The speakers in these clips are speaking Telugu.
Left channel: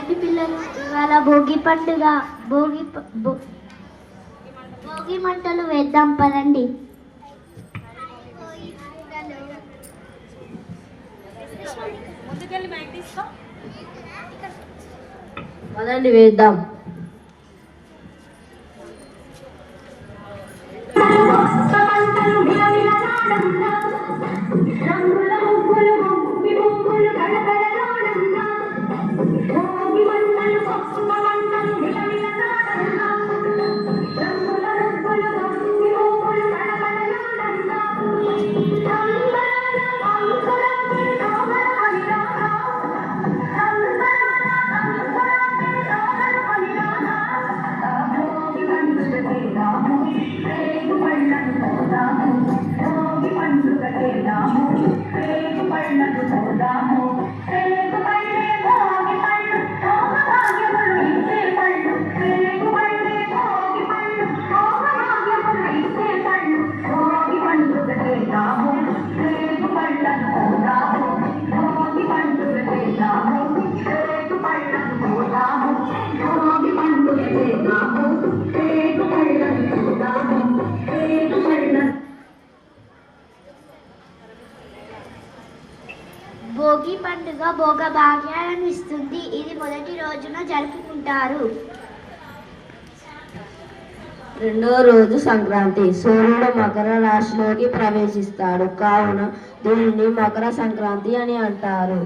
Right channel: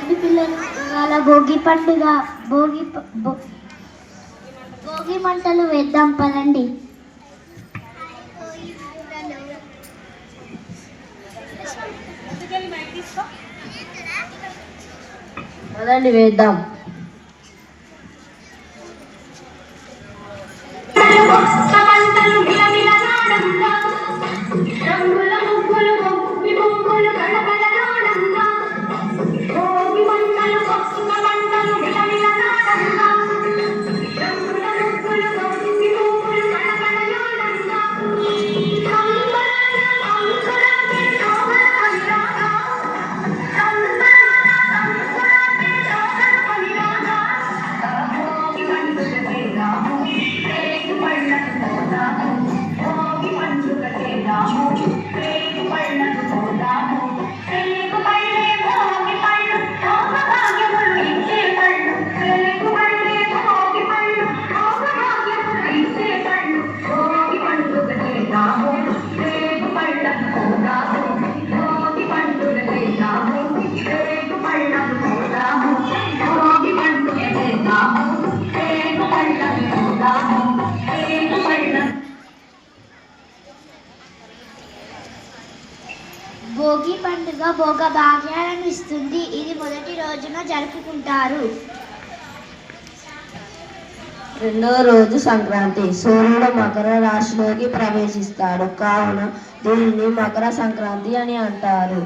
రండి పిల్లలు, ఇవాళ భోగి పండుగ. భోగి భోగి మంటలు వేద్దాం పదండి. పదండి వేద్దాం. భోగి పండుగ భోగ భాగ్యాలను ఇస్తుంది. ఇది మొదటి రోజున జరుపుకుంటారు. రెండవ రోజు సంక్రాంతి. సూర్యుడు మకర రాశిలోకి ప్రవేశిస్తాడు, కావున దీనిని మకర సంక్రాంతి అని అంటారు.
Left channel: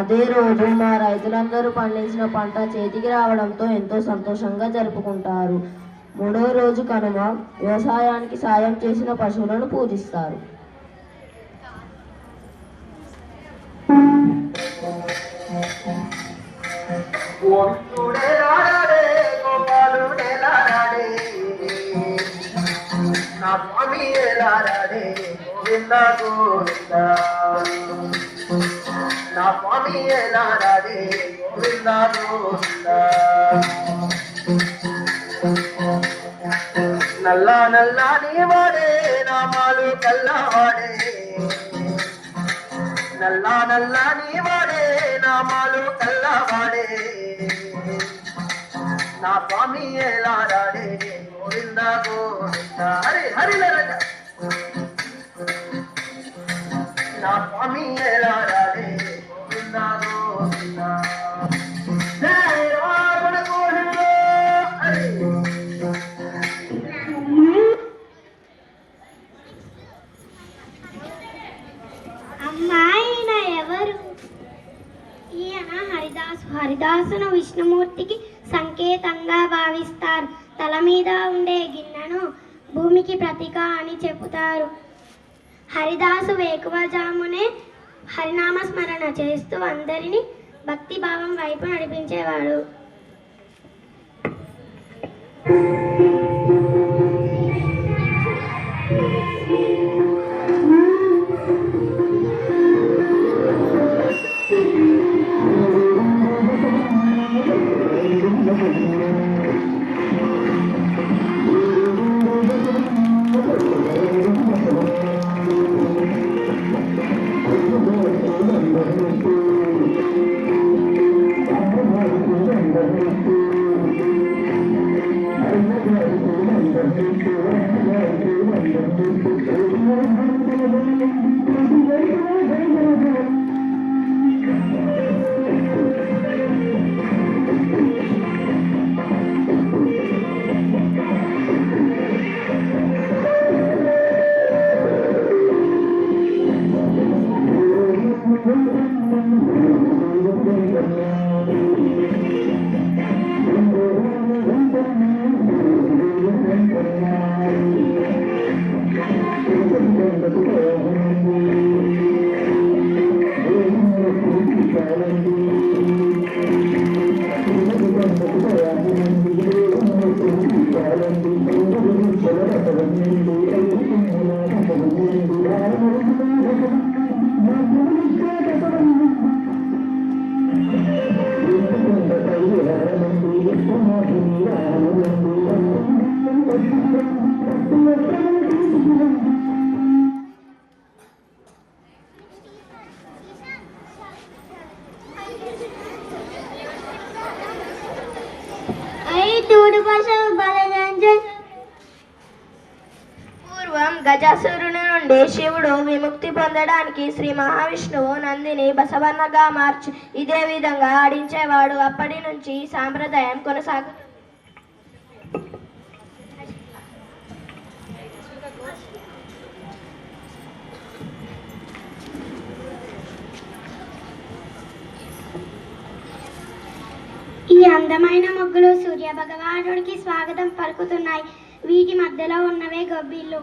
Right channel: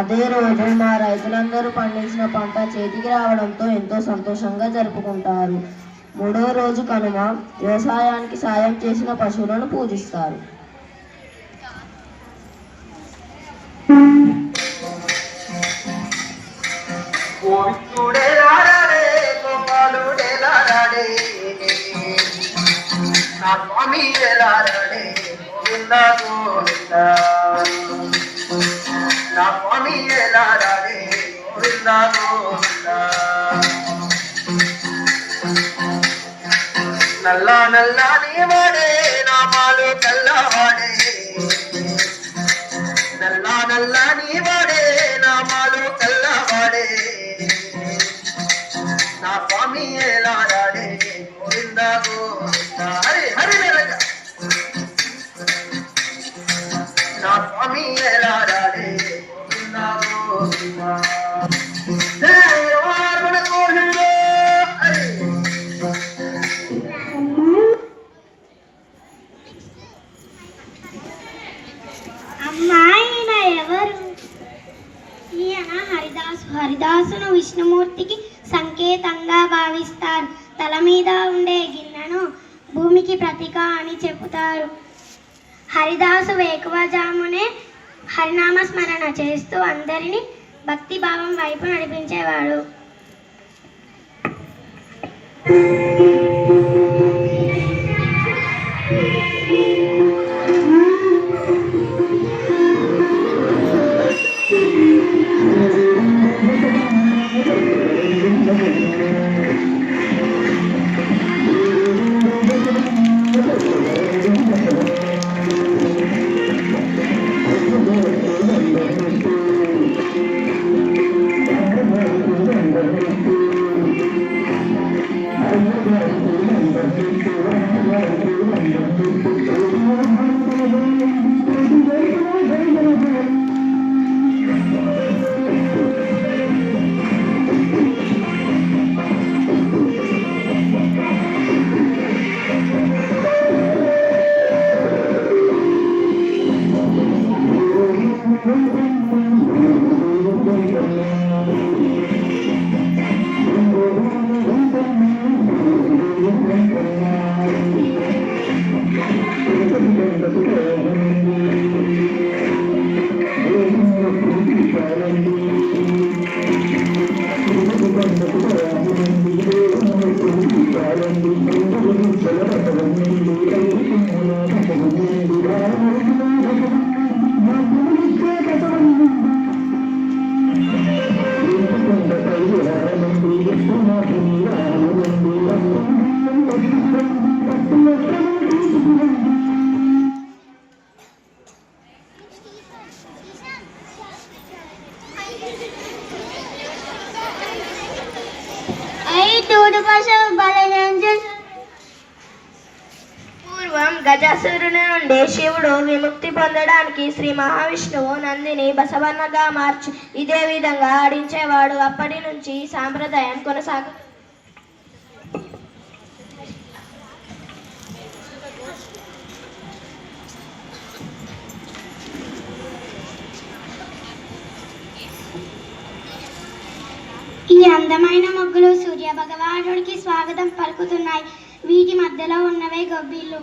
అదే రోజు మా రైతులందరూ పండించిన పంట చేతికి రావడంతో ఎంతో సంతోషంగా జరుపుకుంటారు. మూడవ రోజు కనుమ. వ్యవసాయానికి సాయం చేసిన పశువులను పూజిస్తారు. నా స్వామి ఎలారాడే గోవింద గోవింద, నా స్వామి ఎలారాడే గోవింద గోవింద. నల్ల నల్లని వాడే నామాలు కల్లవాడే, నల్ల నల్లని వాడే నామాలు కల్లవాడే. నా స్వామి ఎలారాడే గోవింద గోవింద. హరి హరి నా స్వామి ఎలారాడే గోవింద గోవింద. అమ్మాయిన ఎవరు? ఈయన హరిదాసును విష్ణుమూర్తికి సంకేతంగా భావిస్తారు. తల మీద ఉండే గిన్నెను భూమికి ప్రతీక అని చెబుతారు. హరిదాసు వేకువజామునే హరినామ స్మరణ చేస్తూ అందరినీ భక్తి భావం వైపు నడిపించేవాడు. శివుడు పశువు బలరాంజన్. పూర్వం గజాసురుని నుండి శివుడు విముక్తి పొందడానికి శ్రీ మహావిష్ణువు నందిని బసవన్నగా మార్చి ఇదే విధంగా ఆడించేవాడు. అప్పటి నుంచి ఈ సాంప్రదాయం కొనసాగుతుంది. ఈ అందమైన ముగ్గులు సూర్య భగవానుడికి స్వాగతం పలుకుతున్నాయి. వీటి మధ్యలో ఉన్నవే గొబ్బిళ్ళు.